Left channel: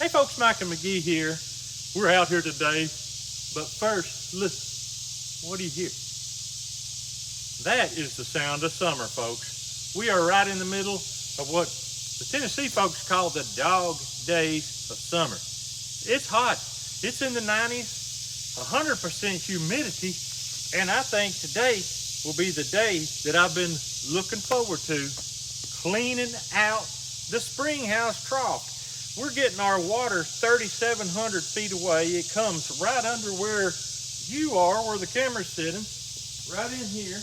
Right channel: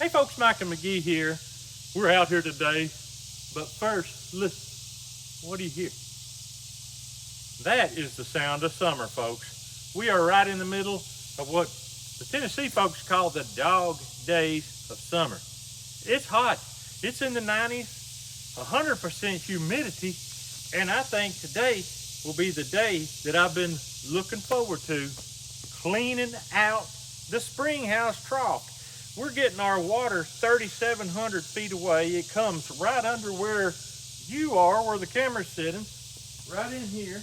Hey folks, Mike and McGee here. We're out here today, but first, listen, what do you hear? That is the sound of summer, folks. We are right in the middle of what the Tennessee folks call the dog days of summer. It's hot, it's in the 90s, 100% humidity, and I think today will be the day that I've been looking forward to, cleaning out the springhouse trough. We're getting our water 3,700 feet away. It comes right under where you are, where the camera's sitting, right in here.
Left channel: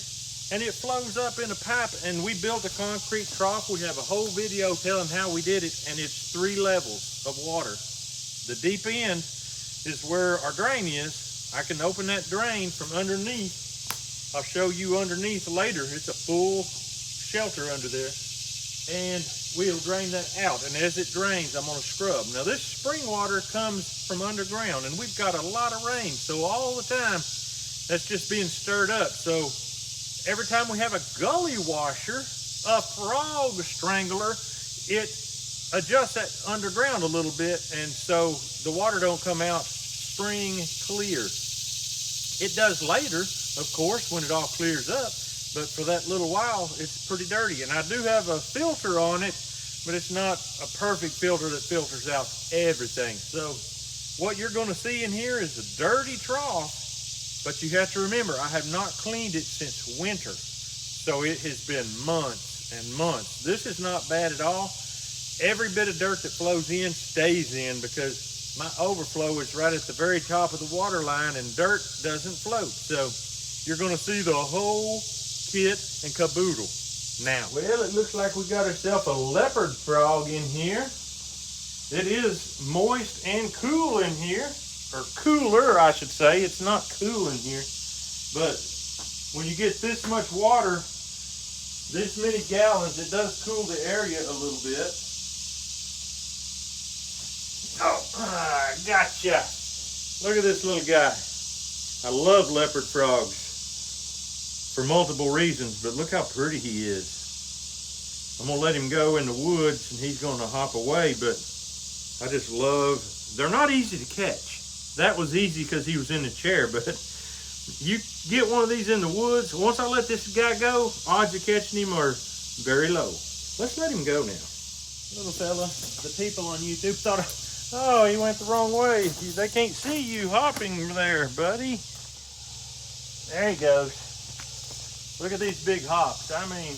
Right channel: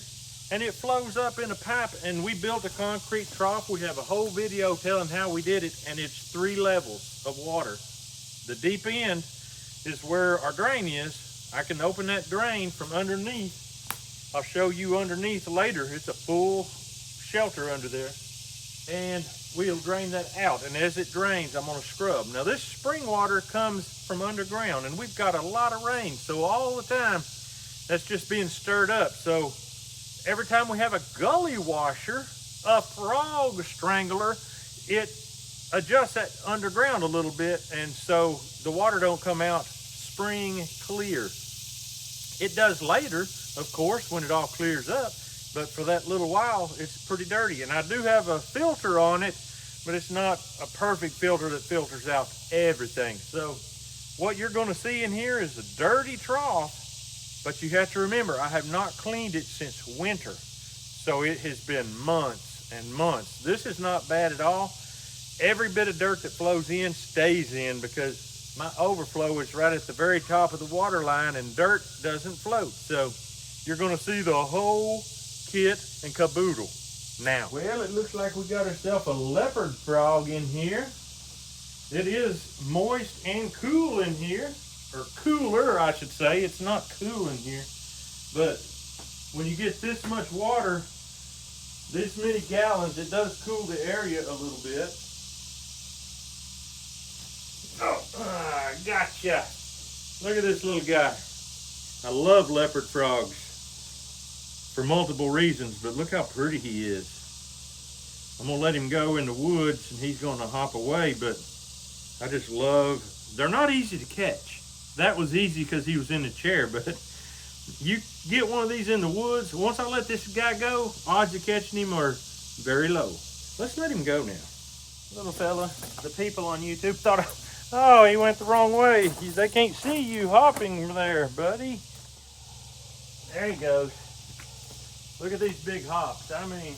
And it flows up in a pipe, and we built a concrete trough. We have a whole video telling how we did it, and it's 3 levels of water. The deep end is where our drain is. I can open that drain from underneath. I'll show you underneath later. It's a full shelter under there. And we'll drain that out, and as it drains, I'm gonna scrub. Now this spring water comes from underground, and we've got a lot of rain, so all the time that's just being stirred up. So every time we have a gully washer, a frog strangler, it adjusts that underground a little bit, and so the water don't come out spring clear. It does later, of course, when it all clears up, but for that little while, it's pretty dirty. And I do have a filter on it, but it's not a perfect filter that filters out everything. So what you're gonna see in here is a dirty trough, but you have to remember, I have not cleaned it since winter. So it has been months and months. This is not bad at all. Every bit of dirt that flows in stays in because my overflow is right at the very top of the water line and dirt doesn't float. So you're gonna see the whole kit and caboodle. Now, well, it looks like we got ourselves a leopard frog in here. It is moist and cool in here, or cooler, I should say. It's not cool in here, but when you get this much water, this many gallons, it does cool the area a little bit. Oh, gotcha. Look at this little guy. I love leopard frogs for multiple reasons, but look how pretty he is. I'm gonna let him go in the woods and he's gonna hop away, but I just love, they're not easy to catch. That was easy because he was in the chair, but you get one of these in the woods, once I let this guy go, odds of catching him are very low. Let's let him go now. Little fella, the people on YouTube thought, oh, he went the wrong way. They can't see you hopping there, buddy. There he goes. Look at these big hops. I mean,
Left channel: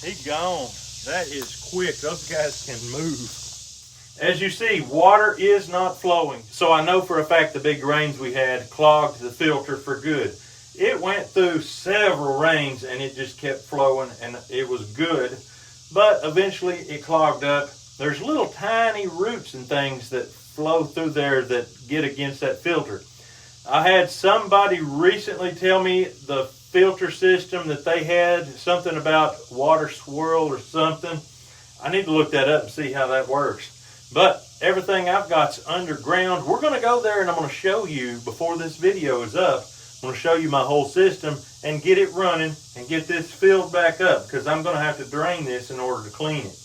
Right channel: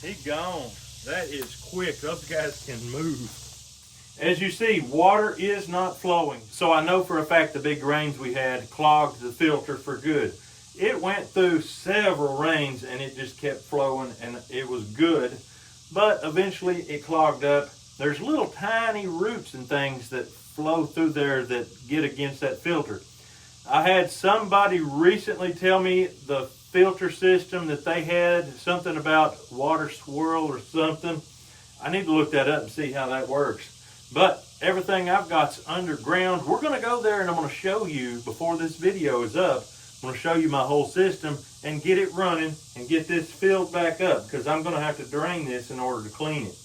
he's gone. That is quick. Those guys can move. As you see, water is not flowing. So I know for a fact the big rains we had clogged the filter for good. It went through several rains and it just kept flowing and it was good. But eventually it clogged up. There's little tiny roots and things that flow through there that get against that filter. I had somebody recently tell me the filter system that they had, something about water swirl or something. I need to look that up and see how that works. But everything I've got's underground. We're gonna go there and I'm gonna show you, before this video is up, I'm gonna show you my whole system and get it running and get this filled back up because I'm gonna have to drain this in order to clean it.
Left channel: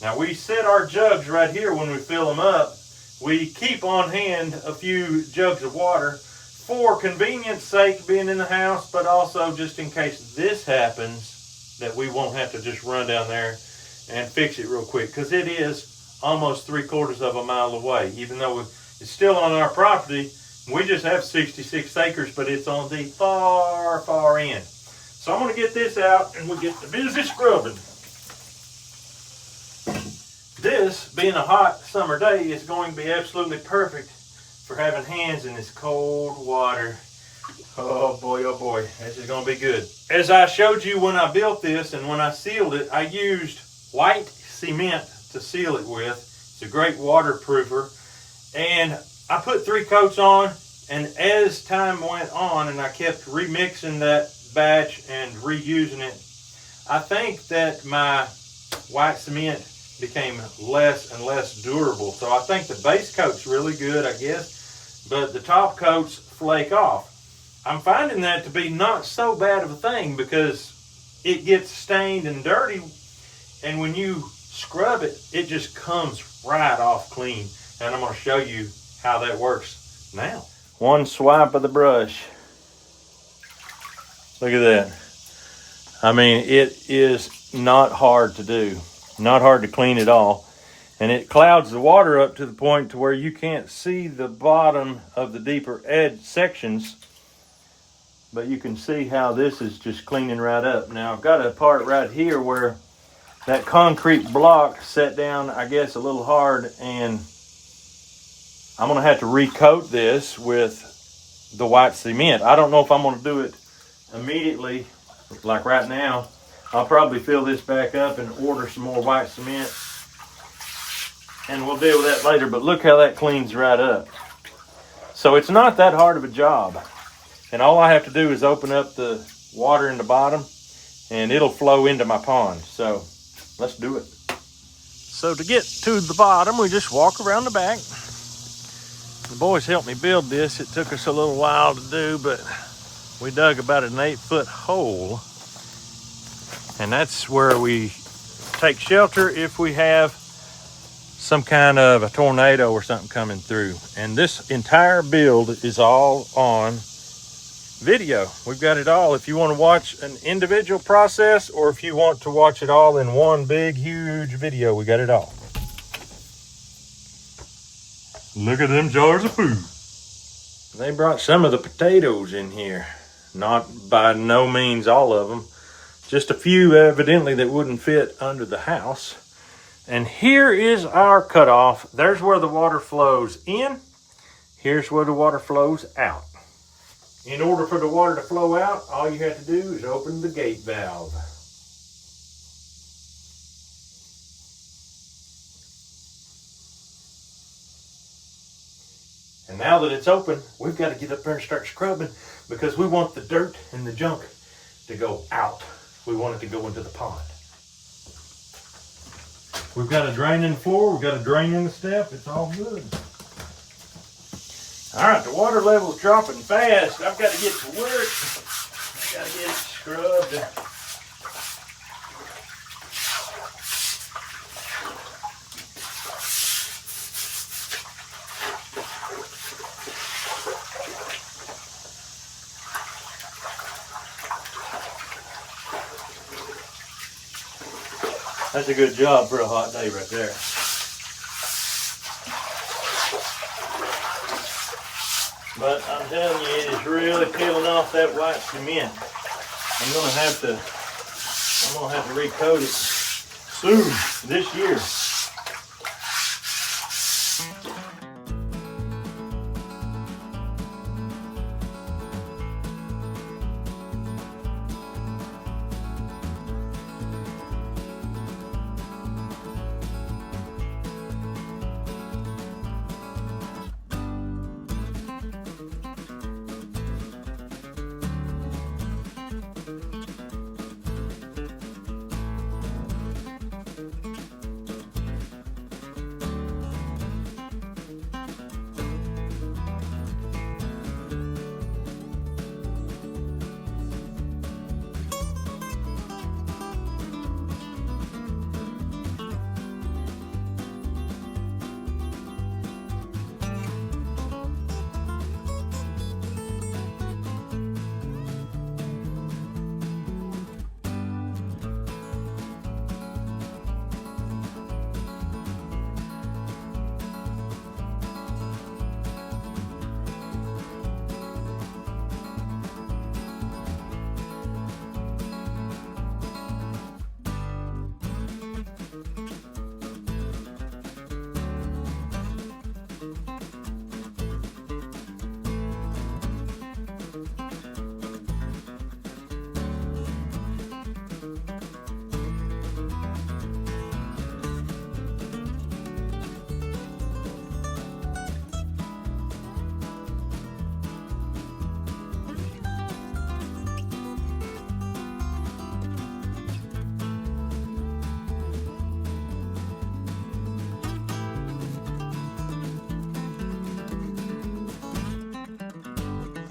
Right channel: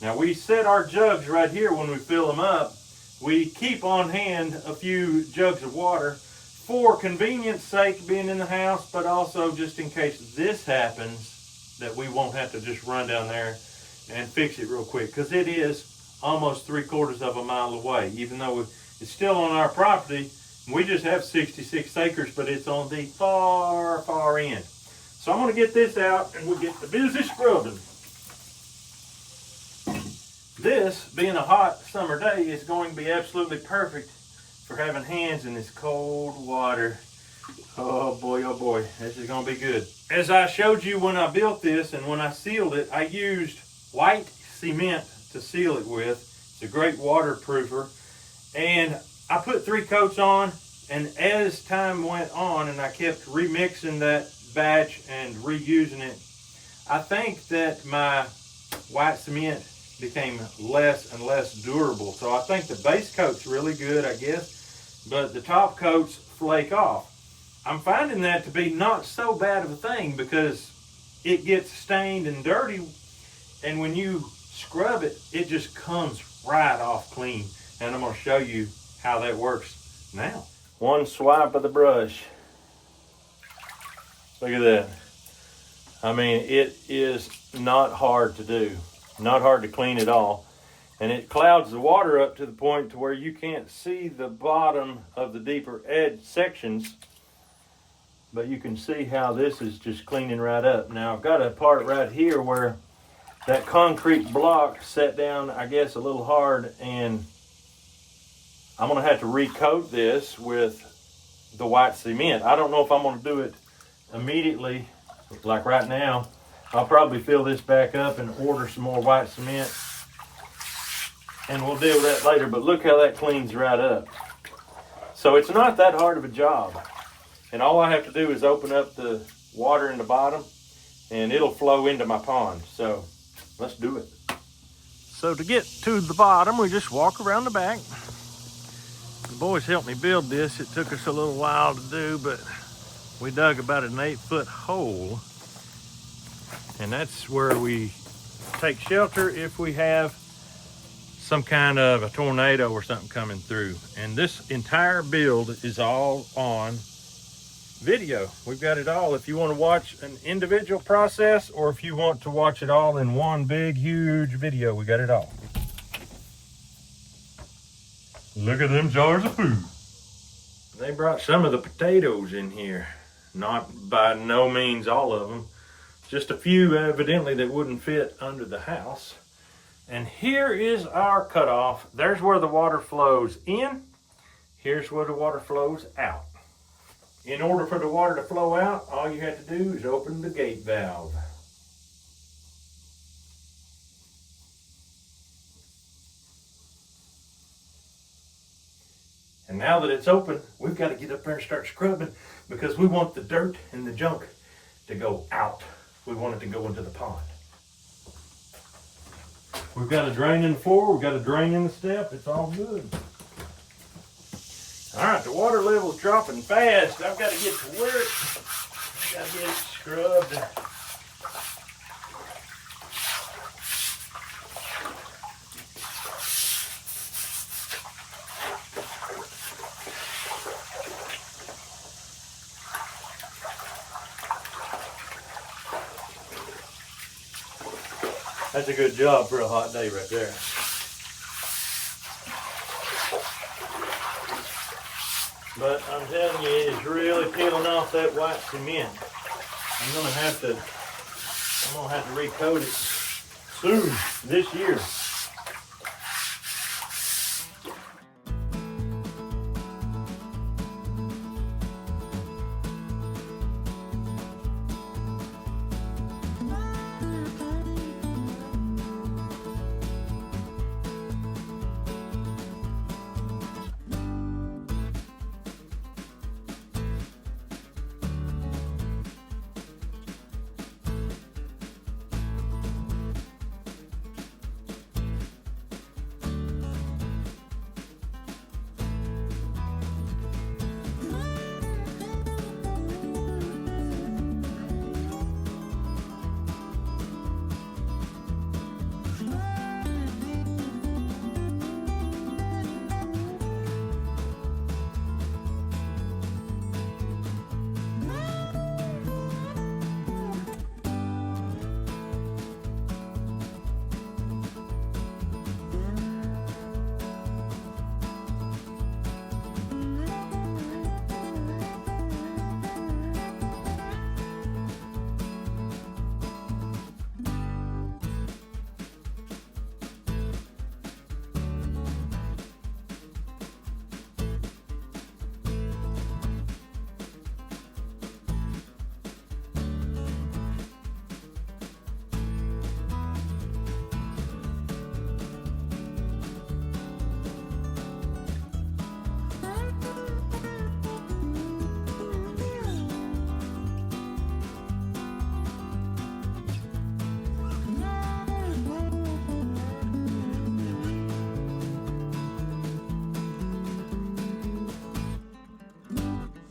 Now we set our jugs right here when we fill them up. We keep on hand a few jugs of water for convenience sake being in the house, but also just in case this happens, that we won't have to just run down there and fix it real quick, because it is almost 3/4 of a mile away. Even though it's still on our property, we just have 66 acres, but it's on the far, far end. So I'm gonna get this out and we'll get to busy scrubbing. This, being a hot summer day, is going to be absolutely perfect for having hands in this cold water. Oh boy, this is gonna be good. As I showed you when I built this and when I sealed it, I used white cement to seal it with. It's a great waterproofer. And I put 3 coats on, and as time went on and I kept remixing that batch and reusing it, I think that my white cement became less and less durable. So I think the base coat's really good, I guess, but the top coats flake off. I'm finding that to be not so bad of a thing because it gets stained and dirty, and when you scrub it, it just comes right off clean. And I'm gonna show you how that works now. One swipe of the brush. Look at that. I mean, it is not hard to do. Not hard to clean at all. And it clouds the water up to the point to where you can't see the bottom of the deeper edge sections. But you can see how this is just cleaning right up. Now I've got a part right here where that concrete block set down, I guess, a little hard, and I'm gonna have to recoat this with the white cement. I don't know if I'm gonna do it immediately, like right now. I'll probably fill this back up and order some more white cement, and we'll deal with that later. But look how that cleans right up. So it's not that hard of a job. And all I have to do is open up the water in the bottom and it'll flow into my pond. So let's do it. So to get to the bottom, we just walk around the back. The boys helped me build this. It took us a little while to do, but we dug about an 8-foot hole. And that's where we take shelter if we have some kind of a tornado or something coming through. And this entire build is all on video. We've got it all. If you want to watch an individual process or if you want to watch it all in one big, huge video, we got it all. Look at them jars of food. They brought some of the potatoes in here. Not by no means all of them. Just a few evidently that wouldn't fit under the house. And here is our cutoff. There's where the water flows in. Here's where the water flows out. In order for the water to flow out, all you have to do is open the gate valve. And now that it's open, we've got to get up there and start scrubbing because we want the dirt and the junk to go out. We want it to go into the pond. We've got a drain in the floor, we've got a drain in the step, it's all good. All right, the water level's dropping fast. I've got to get to work. Got to get it scrubbed. That's a good job for a hot day right there. But I'm telling you, it is really peeling off that white cement. I'm gonna have to recoat it soon this year.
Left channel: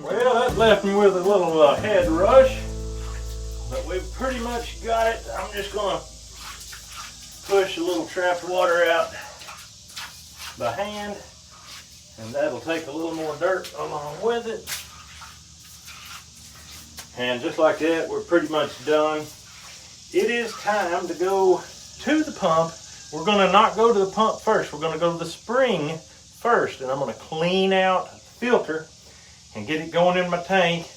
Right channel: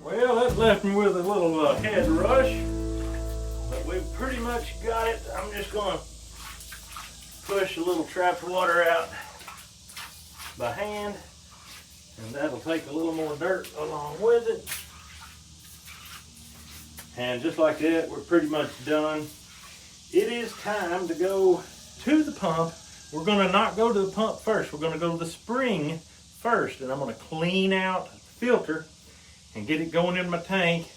Well, that left me with a little head rush, but we've pretty much got it. I'm just gonna push a little trapped water out by hand, and that'll take a little more dirt along with it. And just like that, we're pretty much done. It is time to go to the pump. We're gonna not go to the pump first. We're gonna go to the spring first, and I'm gonna clean out the filter and get it going in my tank.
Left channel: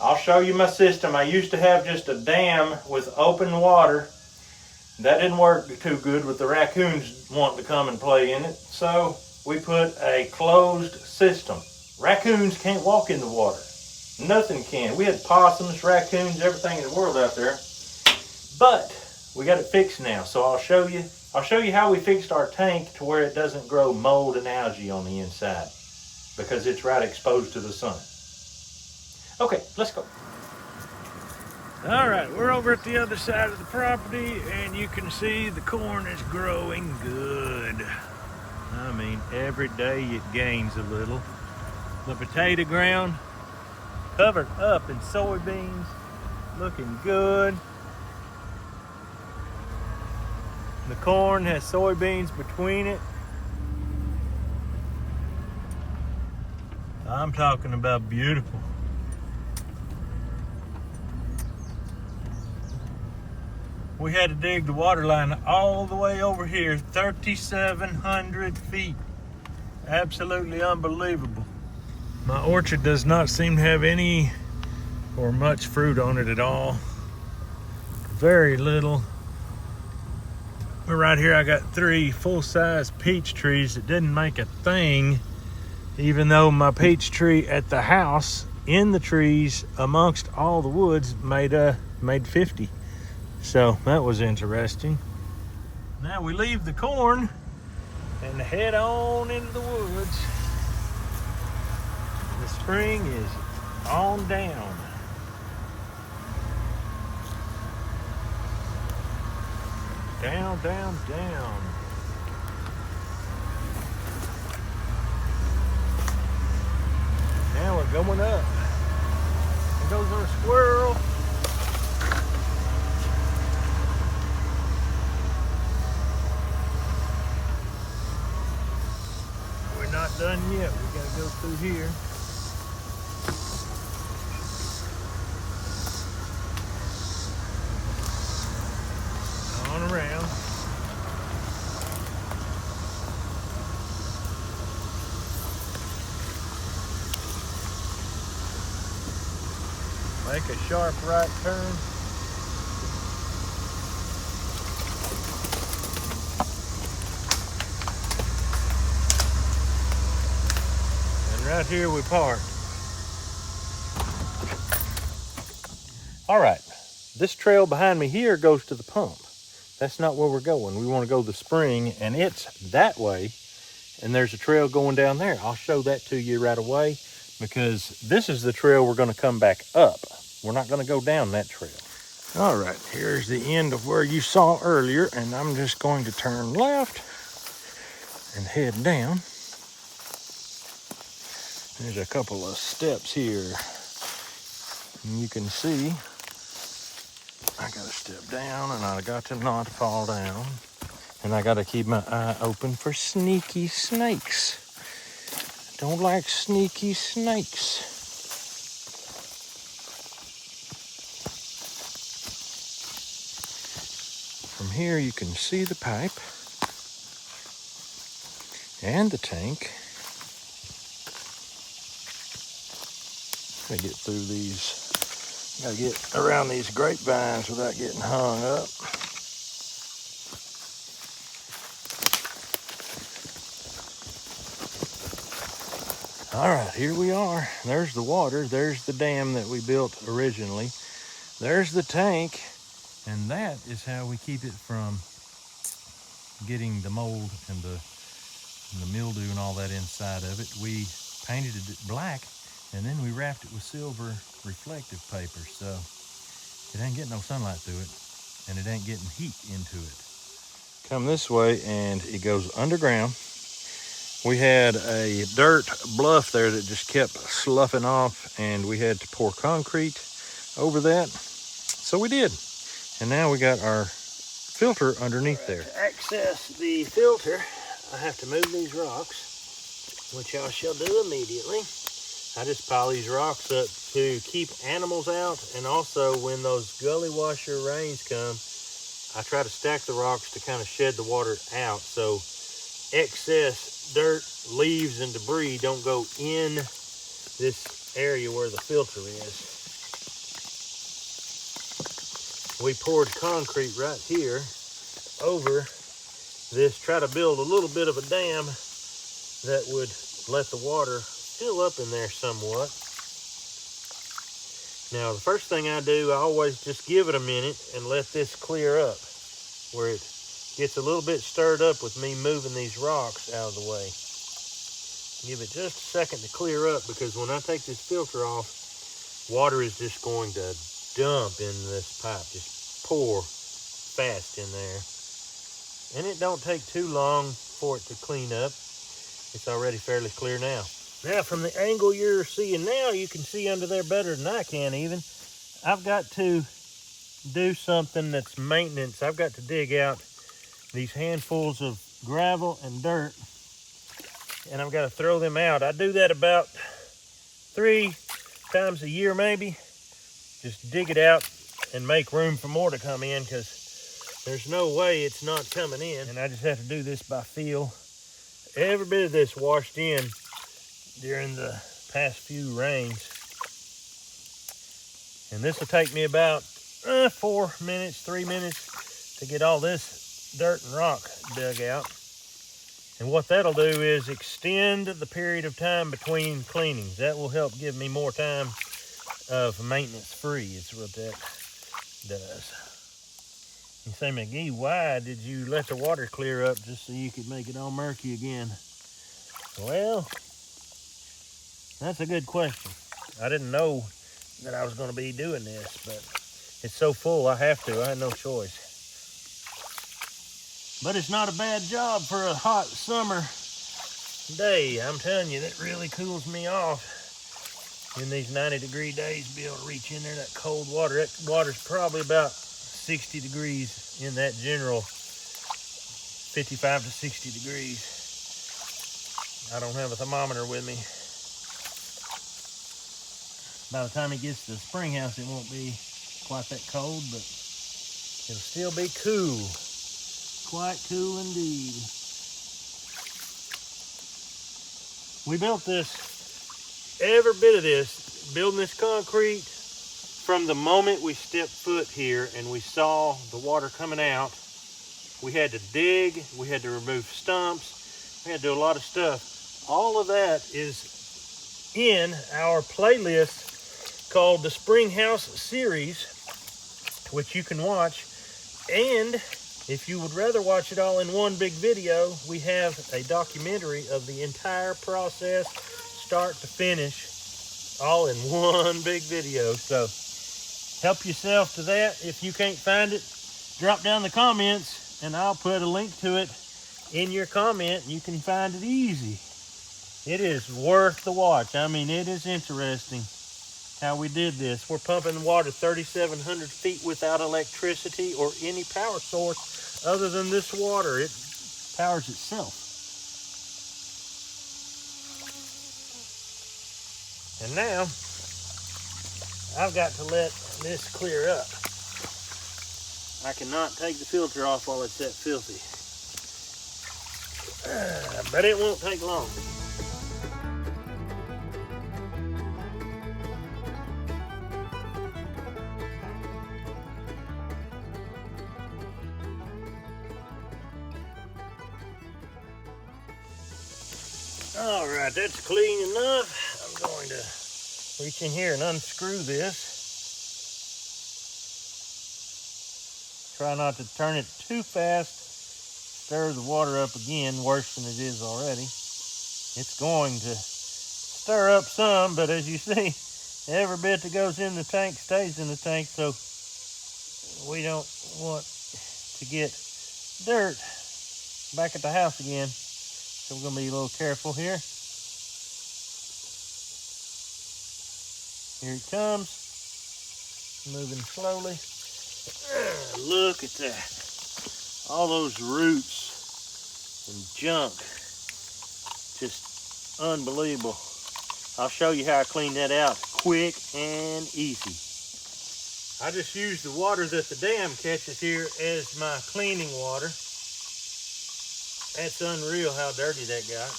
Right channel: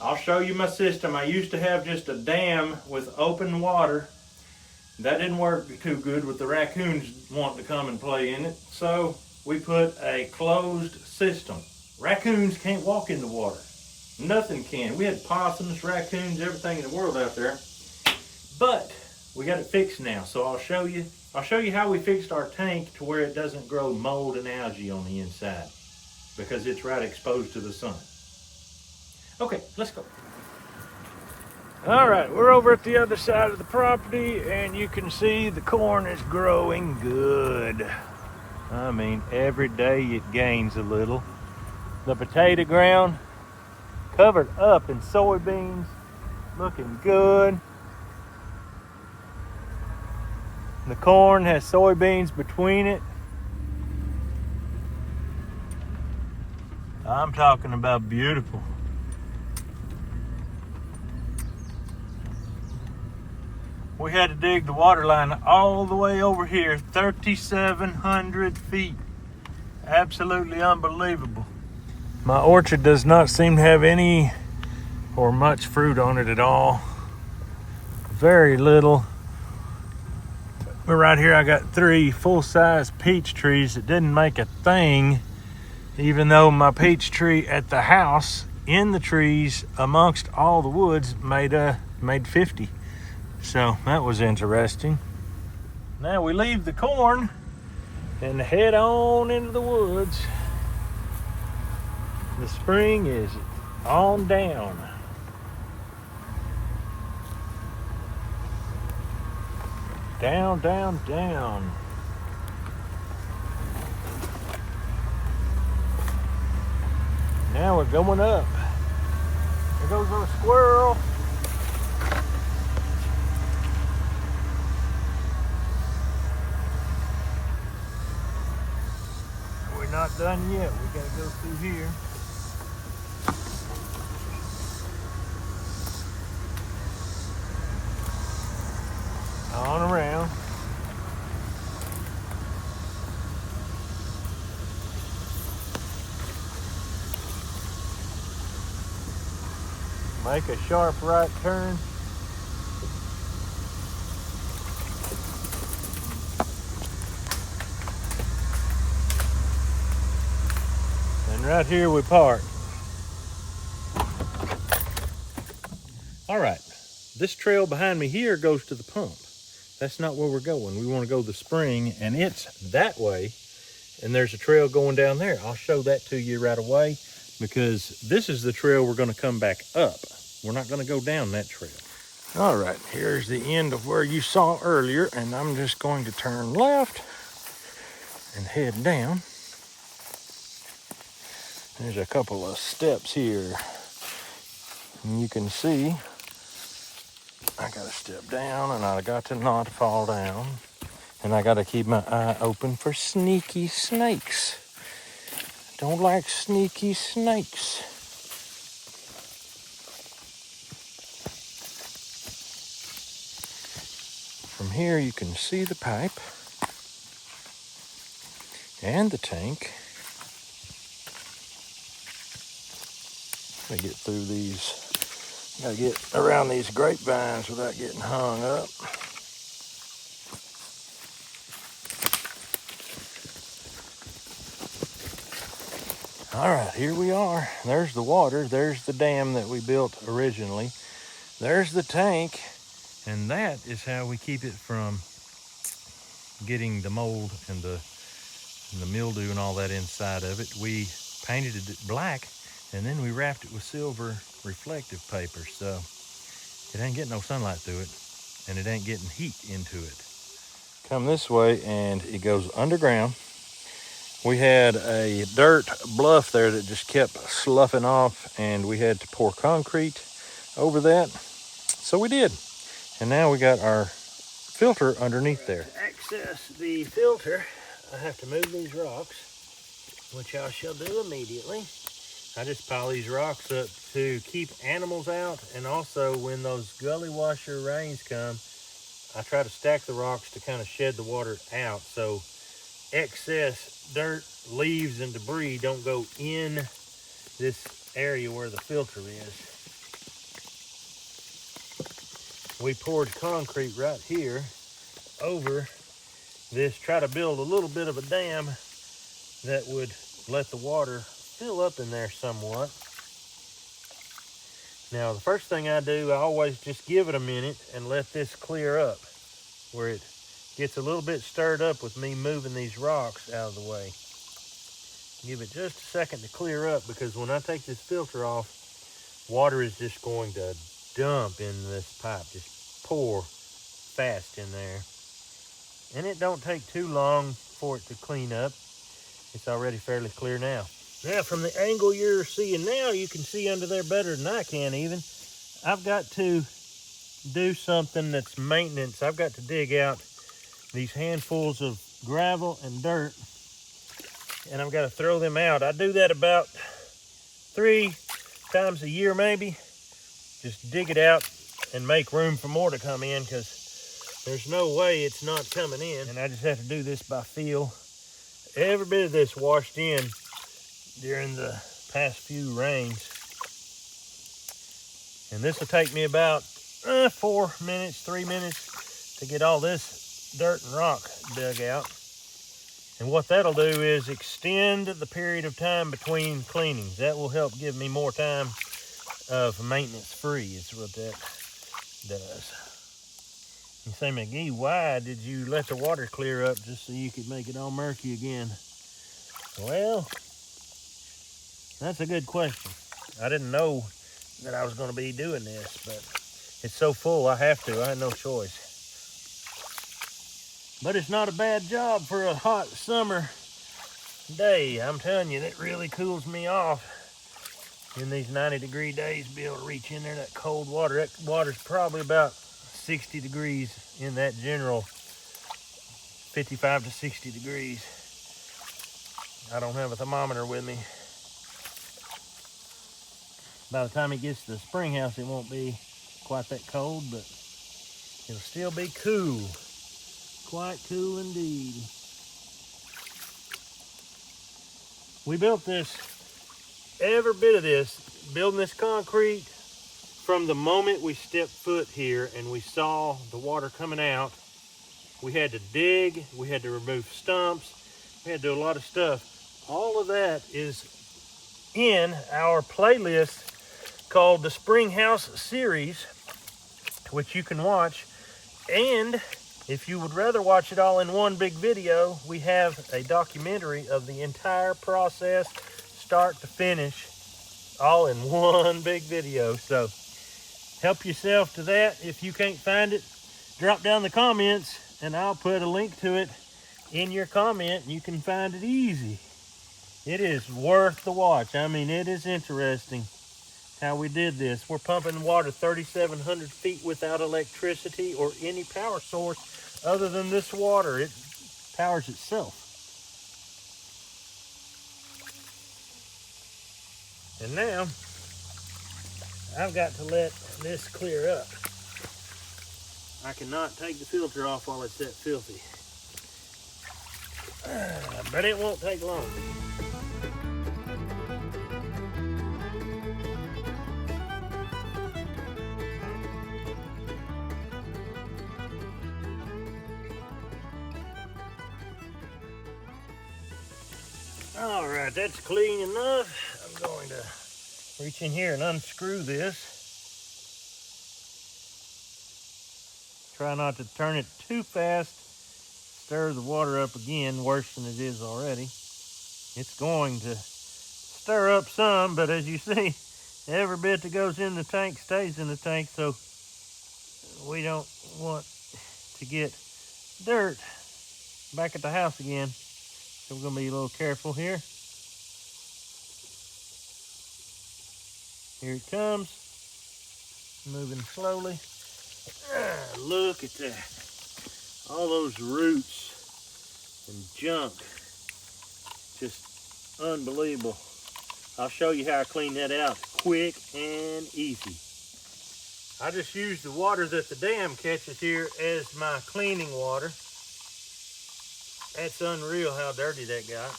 I'll show you my system. I used to have just a dam with open water. That didn't work too good with the raccoons wanting to come and play in it. So we put a closed system. Raccoons can't walk in the water. Nothing can. We had possums, raccoons, everything in the world out there. But we got it fixed now. So I'll show you how we fixed our tank to where it doesn't grow mold and algae on the inside, because it's right exposed to the sun. Okay, let's go. All right, we're over at the other side of the property, and you can see the corn is growing good. I mean, every day it gains a little. The potato ground covered up in soybeans, looking good. The corn has soybeans between it. I'm talking about beautiful. We had to dig the water line all the way over here, 3,700 feet. Absolutely unbelievable. My orchard does not seem to have any or much fruit on it at all. Very little. But right here I got 3 full-size peach trees that didn't make a thing, even though my peach tree at the house, in the trees amongst all the woods, made 50. So that was interesting. Now we leave the corn and head on into the woods. The spring is on down. Down, down, down. Now we're going up. There goes our squirrel. We're not done yet. We gotta go through here. On around. Make a sharp right turn. And right here we park. All right, this trail behind me here goes to the pump. That's not where we're going. We want to go to the spring, and it's that way. And there's a trail going down there. I'll show that to you right away, because this is the trail we're going to come back up. We're not going to go down that trail. All right, here's the end of where you saw earlier, and I'm just going to turn left and head down. There's a couple of steps here, and you can see I got to step down, and I got to not fall down, and I got to keep my eye open for sneaky snakes. Don't like sneaky snakes. From here you can see the pipe and the tank. Gotta get through these, gotta get around these grapevines without getting hung up. All right, here we are. There's the water. There's the dam that we built originally. There's the tank. And that is how we keep it from getting the mold and the mildew and all that inside of it. We painted it black, and then we wrapped it with silver reflective paper. So it ain't getting no sunlight through it, and it ain't getting heat into it. Come this way, and it goes underground. We had a dirt bluff there that just kept sloughing off, and we had to pour concrete over that. So we did. And now we got our filter underneath there. To access the filter, I have to move these rocks, which I shall do immediately. I just pile these rocks up to keep animals out, and also when those gully washer rains come, I try to stack the rocks to kind of shed the water out so excess dirt, leaves, and debris don't go in this area where the filter is. We poured concrete right here over this, try to build a little bit of a dam that would let the water fill up in there somewhat. Now the first thing I do, I always just give it a minute and let this clear up, where it gets a little bit stirred up with me moving these rocks out of the way. Give it just a second to clear up, because when I take this filter off, water is just going to dump in this pipe, just pour fast in there. And it don't take too long for it to clean up. It's already fairly clear now. Now from the angle you're seeing now, you can see under there better than I can even. I've got to do something that's maintenance. I've got to dig out these handfuls of gravel and dirt, and I've got to throw them out. I do that about 3 times a year maybe. Just dig it out and make room for more to come in, because there's no way it's not coming in. And I just have to do this by feel. Every bit of this washed in during the past few rains. And this will take me about 4 minutes, 3 minutes to get all this dirt and rock dug out. And what that'll do is extend the period of time between cleanings. That will help give me more time of maintenance free, is what that does. You say, McGee, why did you let the water clear up just so you could make it all murky again? Well, that's a good question. I didn't know that I was going to be doing this, but it's so full I have to. I had no choice. But it's not a bad job for a hot summer day. I'm telling you, that really cools me off. In these 90-degree days, be able to reach in there, that cold water. That water's probably about 60 degrees in that general 55 to 60 degrees. I don't have a thermometer with me. By the time it gets to the springhouse, it won't be quite that cold, but it'll still be cool. Quite cool indeed. We built this, every bit of this, building this concrete, from the moment we stepped foot here and we saw the water coming out. We had to dig, we had to remove stumps, we had to do a lot of stuff. All of that is in our playlist called the Springhouse Series, which you can watch. And if you would rather watch it all in one big video, we have a documentary of the entire process, start to finish, all in one big video. So help yourself to that. If you can't find it, drop down the comments and I'll put a link to it in your comment, and you can find it easy. It is worth the watch. I mean, it is interesting how we did this. We're pumping water 3,700 feet without electricity or any power source other than this water. It powers itself. And now I've got to let this clear up. I cannot take the filter off while it's that filthy. But it won't take long. All right, that's clean enough. I'm going to reach in here and unscrew this. Try not to turn it too fast. Stir the water up again, worse than it is already. It's going to stir up some, but as you see, every bit that goes in the tank stays in the tank, so we don't want to get dirt back at the house again. So we're going to be a little careful here. Here it comes, moving slowly. Look at that. All those roots and junk. Just unbelievable. I'll show you how I clean that out quick and easy. I just use the water that the dam catches here as my cleaning water. That's unreal how dirty that got.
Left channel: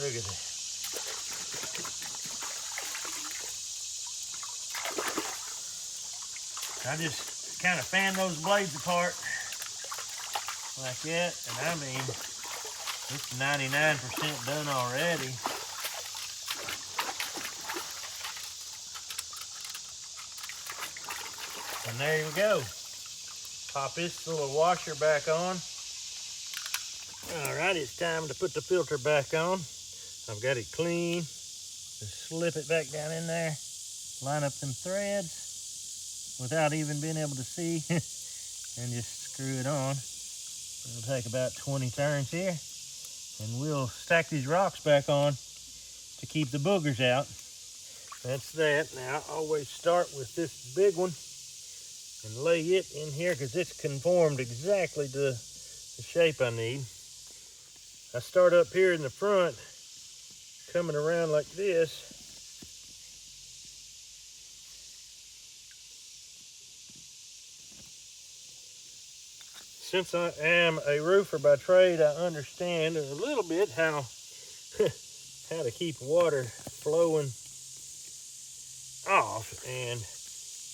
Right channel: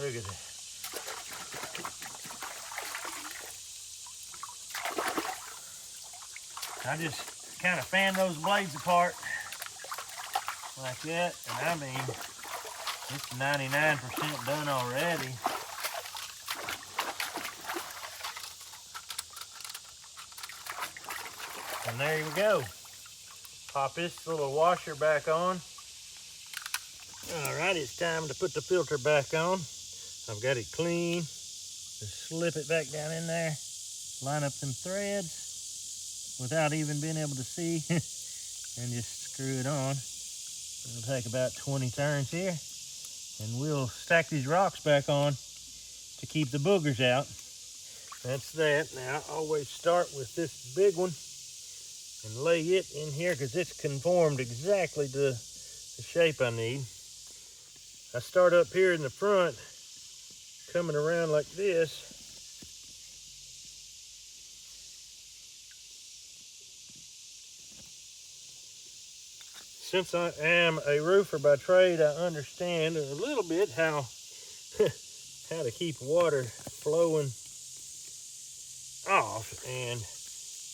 Look at that. I just kind of fan those blades apart like that, and I mean, it's 99% done already. And there you go. Pop this little washer back on. All right, it's time to put the filter back on. I've got it clean. Just slip it back down in there. Line up them threads without even being able to see. And just screw it on. It'll take about 20 turns here. And we'll stack these rocks back on to keep the boogers out. That's that. Now, I always start with this big one and lay it in here because it's conformed exactly to the shape I need. I start up here in the front, coming around like this. Since I am a roofer by trade, I understand a little bit how to keep water flowing off, and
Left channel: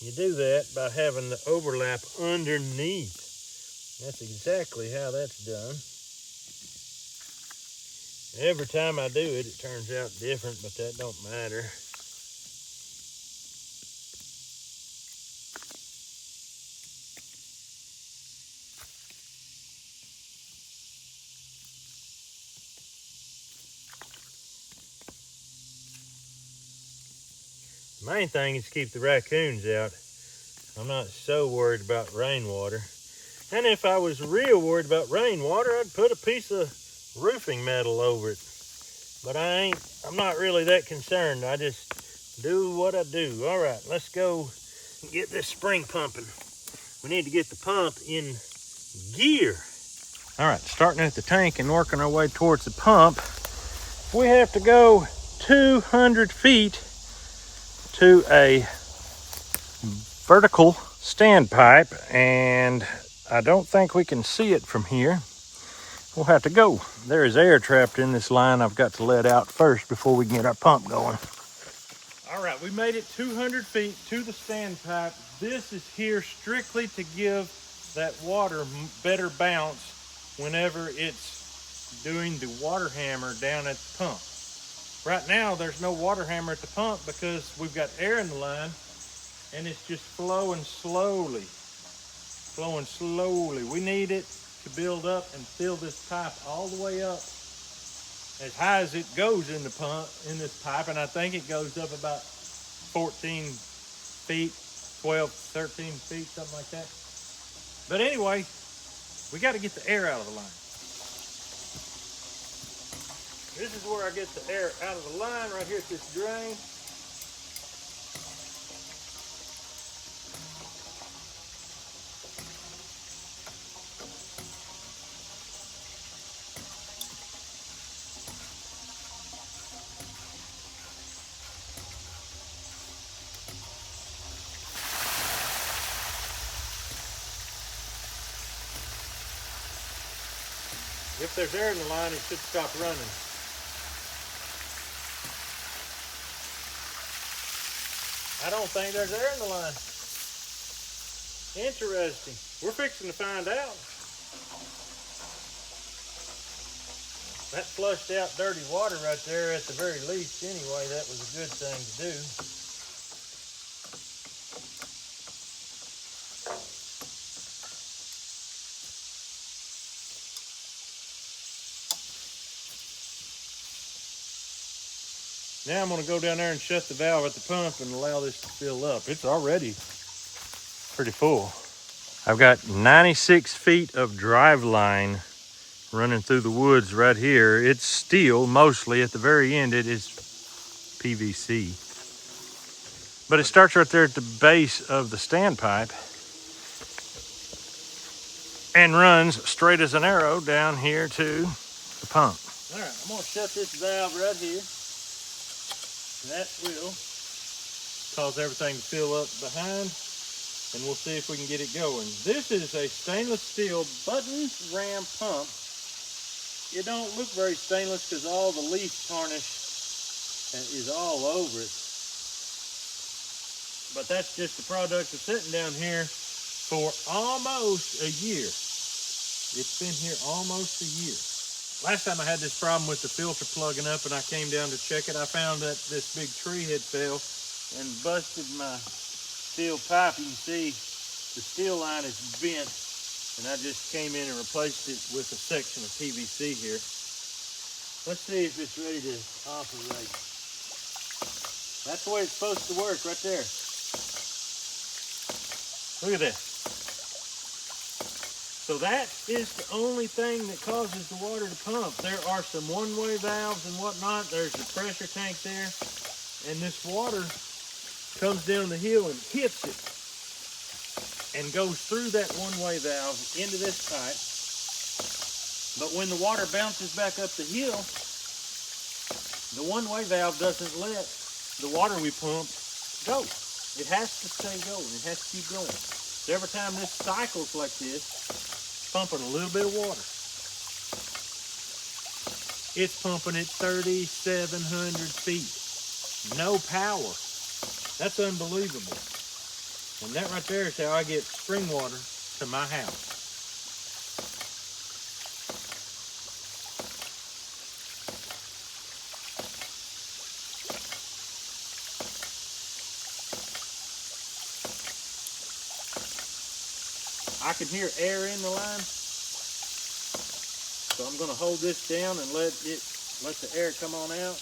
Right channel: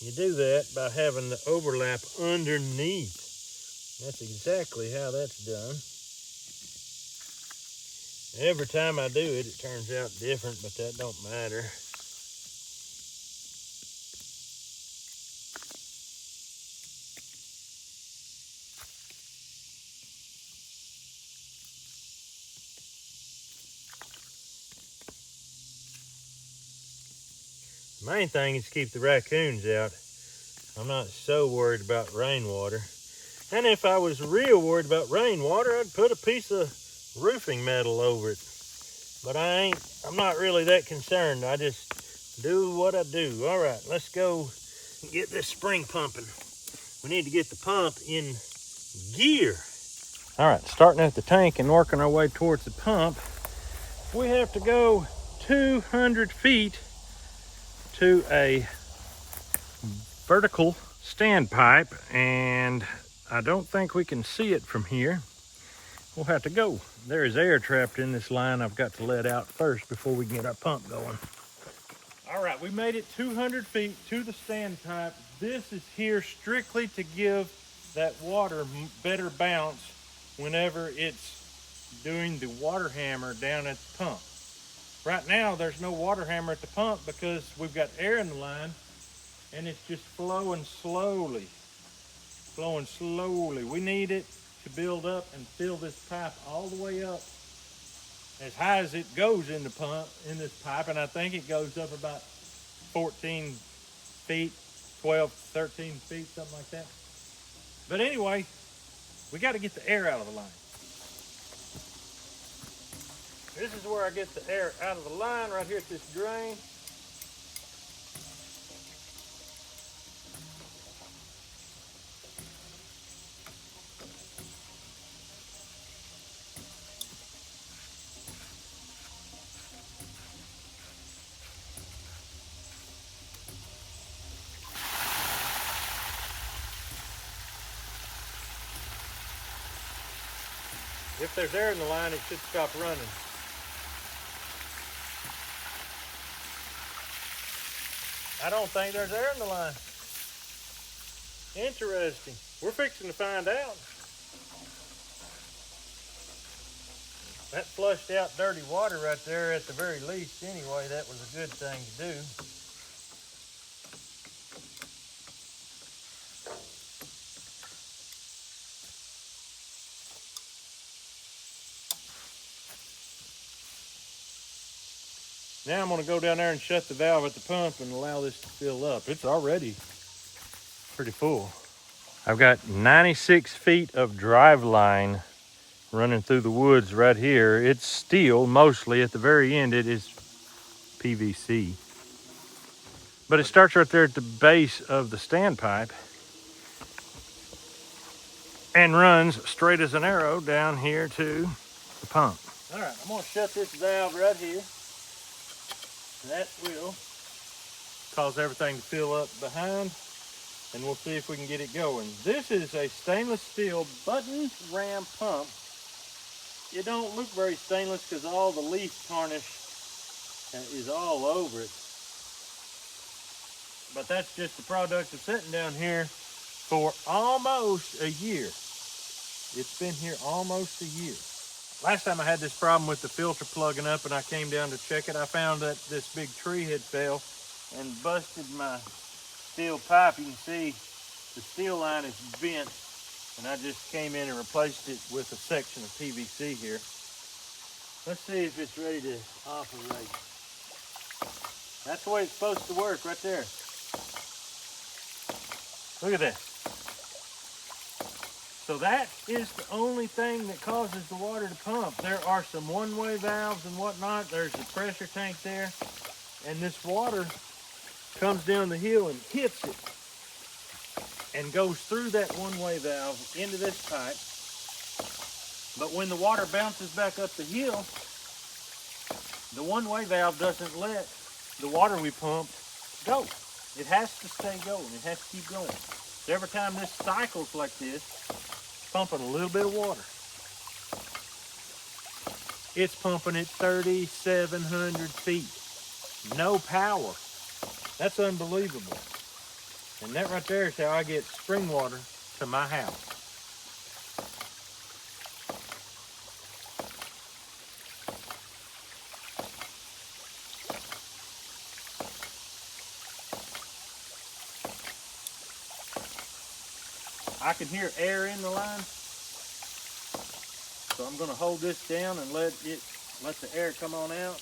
you do that by having the overlap underneath. That's exactly how that's done. Every time I do it, it turns out different, but that don't matter. The main thing is to keep the raccoons out. I'm not so worried about rainwater. And if I was real worried about rainwater, I'd put a piece of roofing metal over it. But I'm not really that concerned. I just do what I do. All right, let's go get this spring pumping. We need to get the pump in gear. All right, starting at the tank and working our way towards the pump. We have to go 200 feet to a vertical standpipe, and I don't think we can see it from here. We'll have to go. There is air trapped in this line I've got to let out first before we can get our pump going. All right, we made it 200 feet to the standpipe. This is here strictly to give that water better bounce whenever it's doing the water hammer down at the pump. Right now, there's no water hammer at the pump because we've got air in the line and it's just flowing slowly. Flowing slowly. We need it to build up and fill this pipe all the way up as high as it goes in the pump, in this pipe, and I think it goes up about 14 feet, 12, 13 feet, something like that. But anyway, we got to get the air out of the line. This is where I get the air out of the line, right here at this drain. If there's air in the line, it should stop running. I don't think there's air in the line. Interesting. We're fixing to find out. That flushed out dirty water right there at the very least. Anyway, that was a good thing to do. Now I'm going to go down there and shut the valve at the pump and allow this to fill up. It's already pretty full. I've got 96 feet of drive line running through the woods right here. It's steel mostly. At the very end, it is PVC. But it starts right there at the base of the standpipe. and runs straight as an arrow down here to the pump. All right, I'm gonna shut this valve right here. That will cause everything to fill up behind, and we'll see if we can get it going. This is a stainless steel button ram pump. It don't look very stainless because all the leaf tarnish is all over it. But that's just the product of sitting down here for almost a year. It's been here almost a year. Last time I had this problem with the filter plugging up and I came down to check it, I found that this big tree had fell and busted my steel pipe. You can see the steel line is bent, and I just came in and replaced it with a section of PVC here. Let's see if it's ready to operate. That's the way it's supposed to work right there. Look at that. So that is the only thing that causes the water to pump. There are some one-way valves and whatnot. There's the pressure tank there. And this water comes down the hill and hits it and goes through that one-way valve into this pipe. But when the water bounces back up the hill, the one-way valve doesn't let the water we pumped go. It has to stay going. It has to keep going. So every time this cycles like this, pumping a little bit of water. It's pumping at 3,700 feet. No power. That's unbelievable. And that right there is how I get spring water to my house. I can hear air in the line, so I'm going to hold this down and let the air come on out.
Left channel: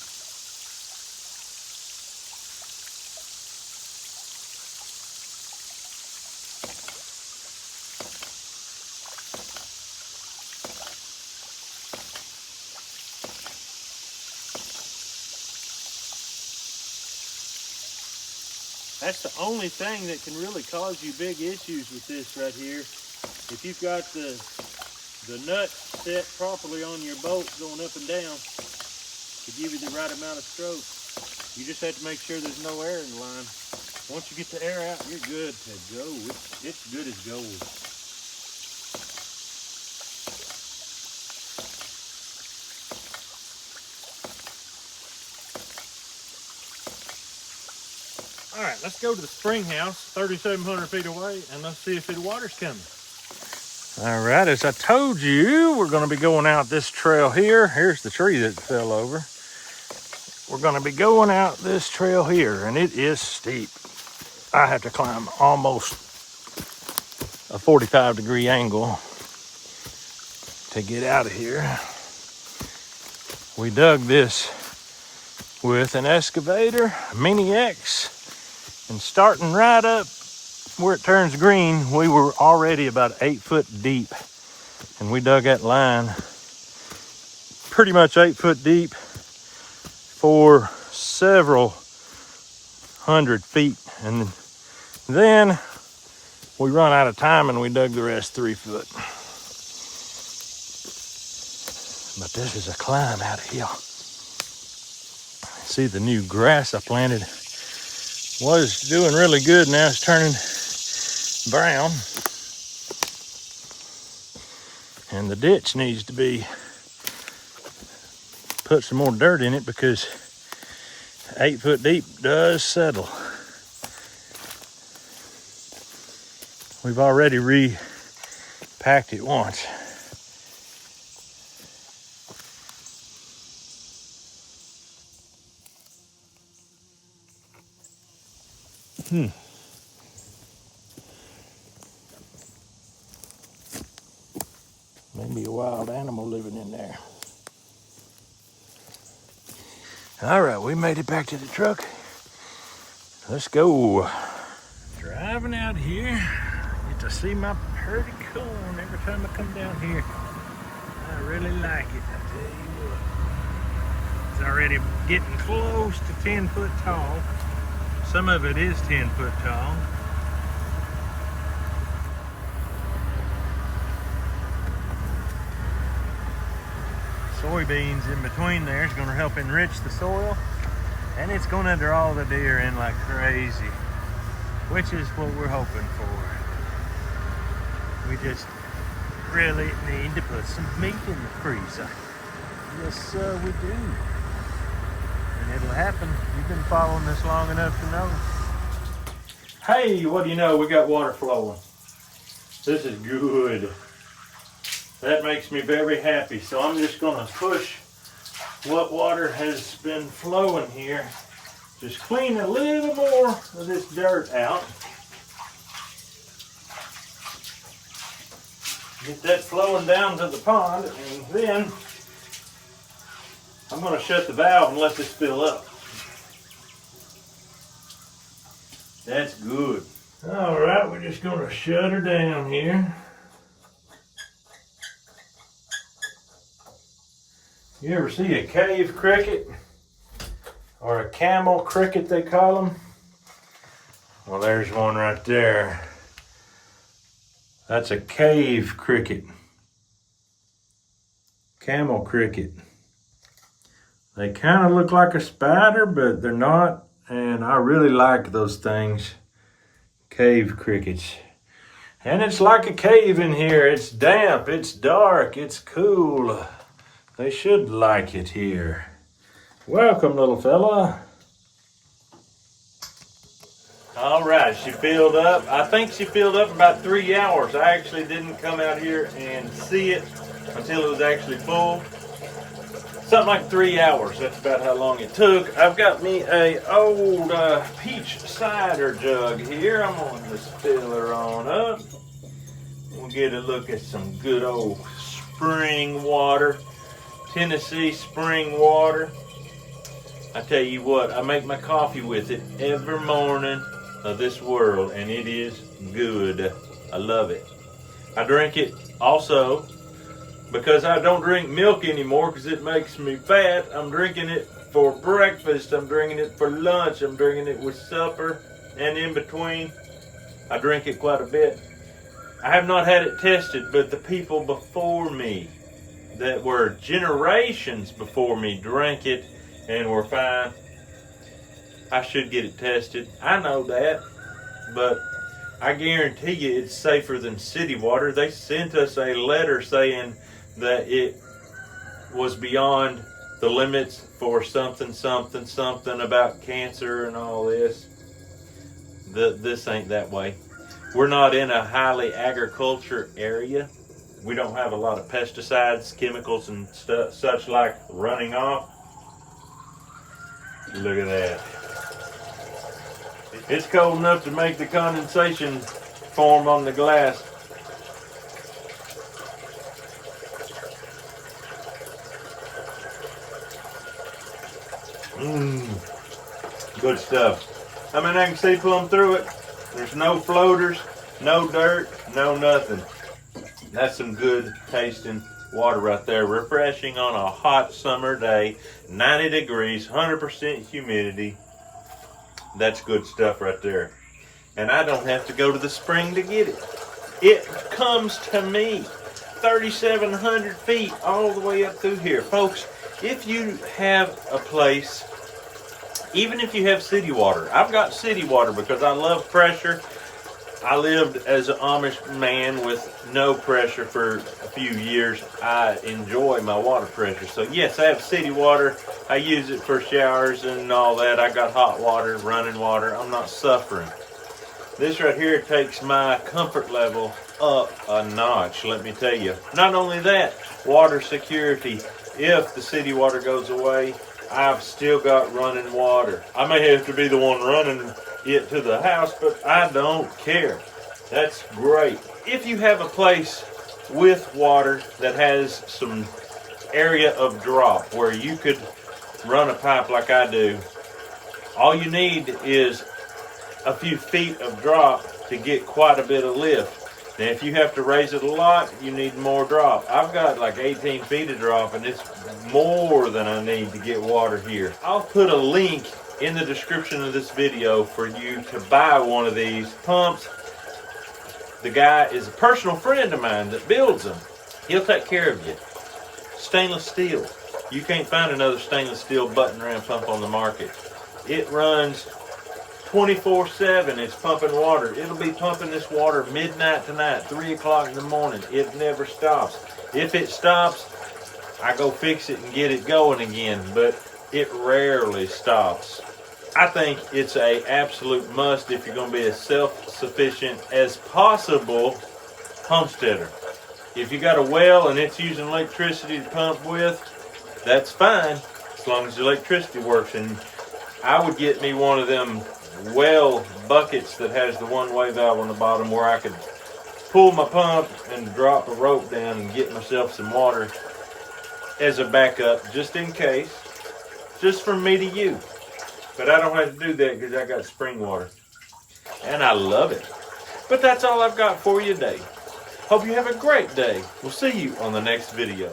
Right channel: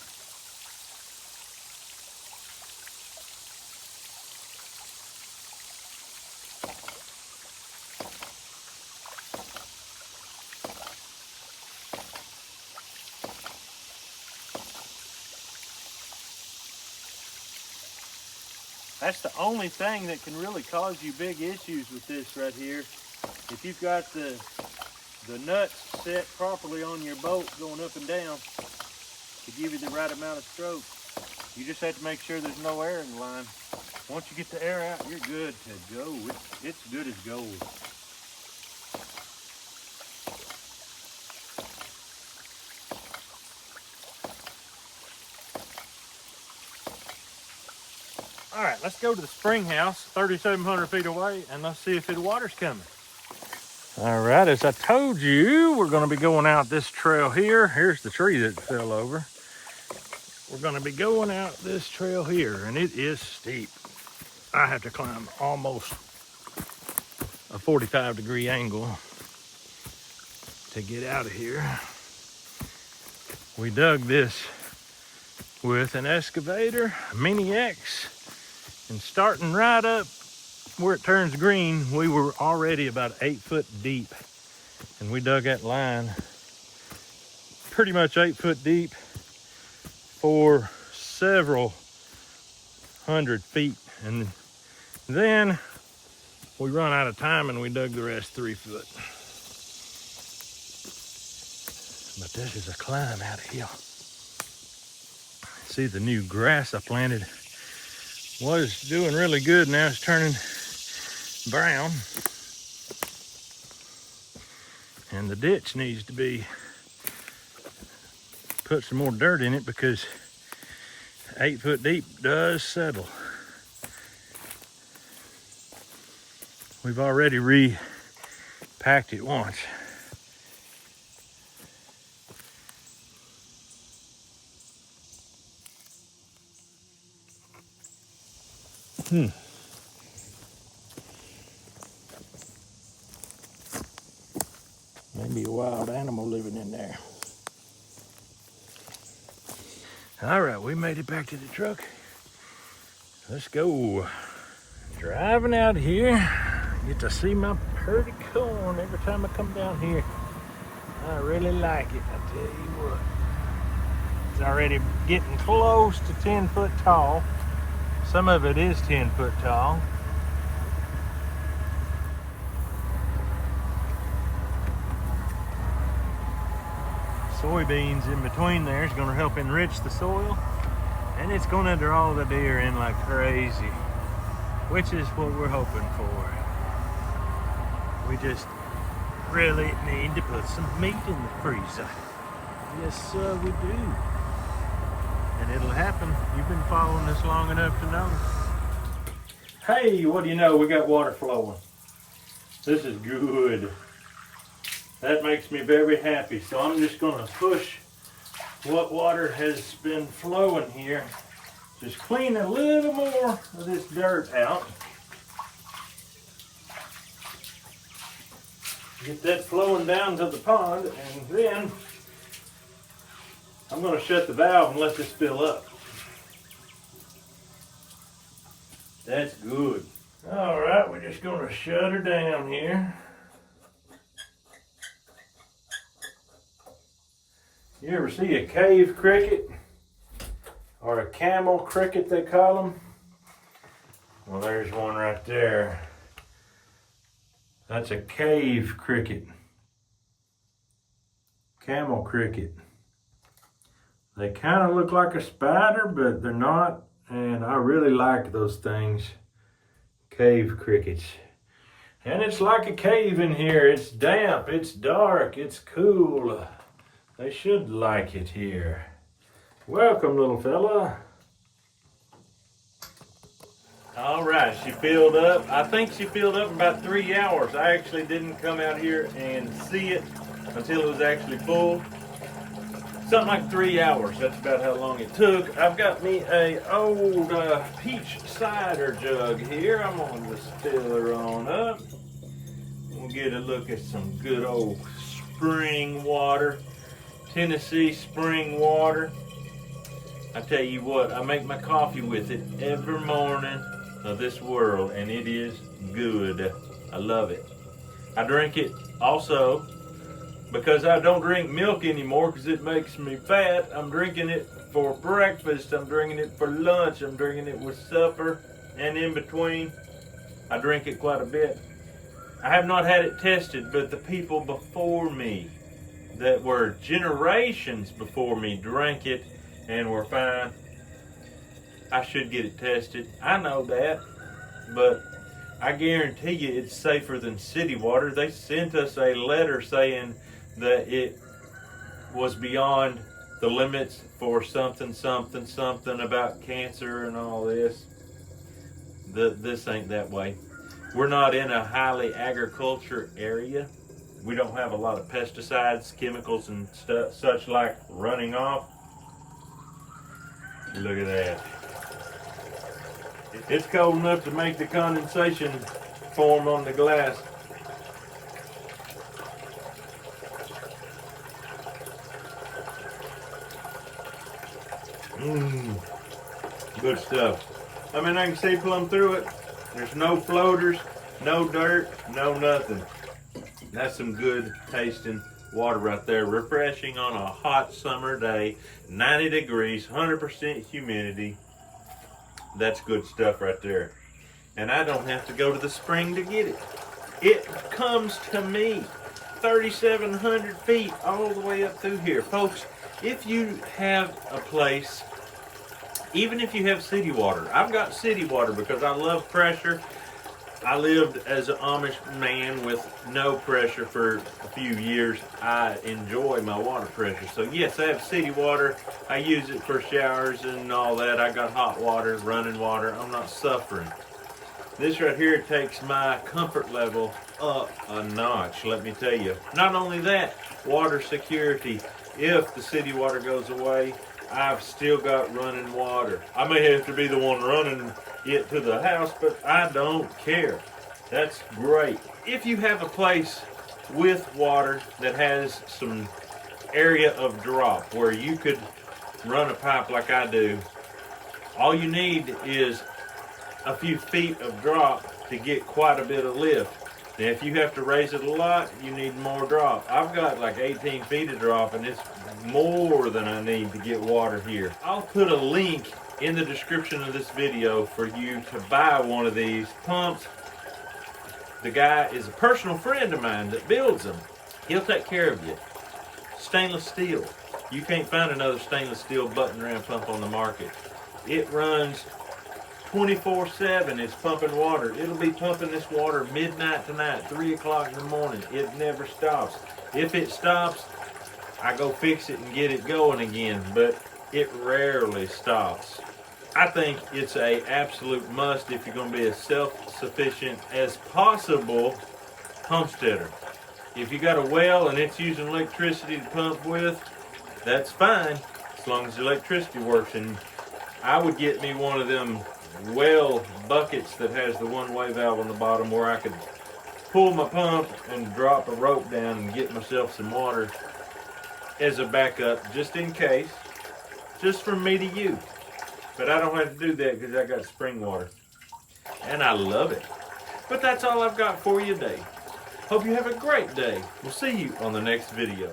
That's the only thing that can really cause you big issues with this right here. If you've got the nuts set properly on your bolt going up and down to give you the right amount of stroke, you just have to make sure there's no air in the line. Once you get the air out, you're good to go. It's good as gold. All right, let's go to the spring house, 3,700 feet away, and let's see if the water's coming. All right, as I told you, we're going to be going out this trail here. Here's the tree that fell over. We're going to be going out this trail here, and it is steep. I have to climb almost a 45-degree angle to get out of here. We dug this with an excavator, a Mini X, and starting right up where it turns green, we were already about 8 foot deep. And we dug that line pretty much 8 foot deep for several hundred feet. And then we run out of time and we dug the rest 3 foot. But this is a climb out of here. See, the new grass I planted was doing really good. Now it's turning brown. And the ditch needs to be put some more dirt in it because 8 foot deep does settle. We've already repacked it once. Maybe a wild animal living in there. All right, we made it back to the truck. Let's go. Driving out here, get to see my pretty corn every time I come down here. I really like it, I tell you what. It's already getting close to 10 foot tall. Some of it is 10 foot tall. soybeans in between there is going to help enrich the soil, and it's going to draw the deer in like crazy, which is what we're hoping for. We just really need to put some meat in the freezer. Yes, we do. And it'll happen. You've been following this long enough to know. Hey, what do you know? We got water flowing. This is good. That makes me very happy. So I'm just going to push what water has been flowing here. Just clean a little more of this dirt out. Get that flowing down to the pond, and then I'm going to shut the valve and let this fill up. That's good. All right, we're just going to shut her down here. You ever see a cave cricket? Or a camel cricket, they call them? Well, there's one right there. That's a cave cricket. Camel cricket. They kind of look like a spider, but they're not. And I really like those things. Cave crickets. And it's like a cave in here. It's damp, it's dark, it's cool. They should like it here. Welcome, little fella. All right, she filled up. I think she filled up in about 3 hours. I actually didn't come out here and see it until it was actually full. Something like 3 hours. That's about how long it took. I've got me a old peach cider jug here. I'm gonna just fill her on up. We'll get a look at some good old spring water. Tennessee spring water. I tell you what, I make my coffee with it every morning of this world, and it is good. I love it. I drink it also because I don't drink milk anymore because it makes me fat. I'm drinking it for breakfast, I'm drinking it for lunch, I'm drinking it with supper, and in between I drink it quite a bit. I have not had it tested, but the people before me that were generations before me drank it and were fine. I should get it tested. I know that, but I guarantee you it's safer than city water. They sent us a letter saying that it was beyond the limits for something about cancer and all this. This ain't that way. We're not in a highly agriculture area. We don't have a lot of pesticides, chemicals, and such like running off. Look at that. It's cold enough to make the condensation form on the glass. Good stuff. I mean, I can see plumb through it. There's no floaters, no dirt, no nothing. That's some good tasting water right there. Refreshing on a hot summer day, 90 degrees, 100% humidity. That's good stuff right there. And I don't have to go to the spring to get it. It comes to me 3,700 feet all the way up through here. Folks, if you have a place, even if you have city water, I've got city water because I love pressure. I lived as an Amish man with no pressure for a few years. I enjoy my water pressure. So yes, I have city water. I use it for showers and all that. I got hot water, running water. I'm not suffering. This right here takes my comfort level up a notch, let me tell you. Not only that, water security. If the city water goes away, I've still got running water. I may have to be the one running it to the house, but I don't care. That's great. If you have a place with water that has some area of drop where you could run a pipe like I do, all you need is a few feet of drop to get quite a bit of lift. Now if you have to raise it a lot, you need more drop. I've got like 18 feet of drop, and it's more than I need to get water here. I'll put a link in the description of this video for you to buy one of these pumps. The guy is a personal friend of mine that builds them. He'll take care of you. Stainless steel. You can't find another stainless steel button ram pump on the market. It runs 24/7. It's pumping water. It'll be pumping this water midnight tonight, 3 o'clock in the morning. It never stops. If it stops, I go fix it and get it going again, but it rarely stops. I think it's a absolute must if you're going to be as self-sufficient as possible homesteader. If you got a well and it's using electricity to pump with, that's fine, as long as the electricity works. And I would get me one of them well buckets that has the one-way valve on the bottom where I could pull my pump and drop a rope down and get myself some water as a backup, just in case, just from me to you. But I don't have to do that because I got spring water. And I love it. But that's all I've got for you today. Hope you have a great day. We'll see you on the next video.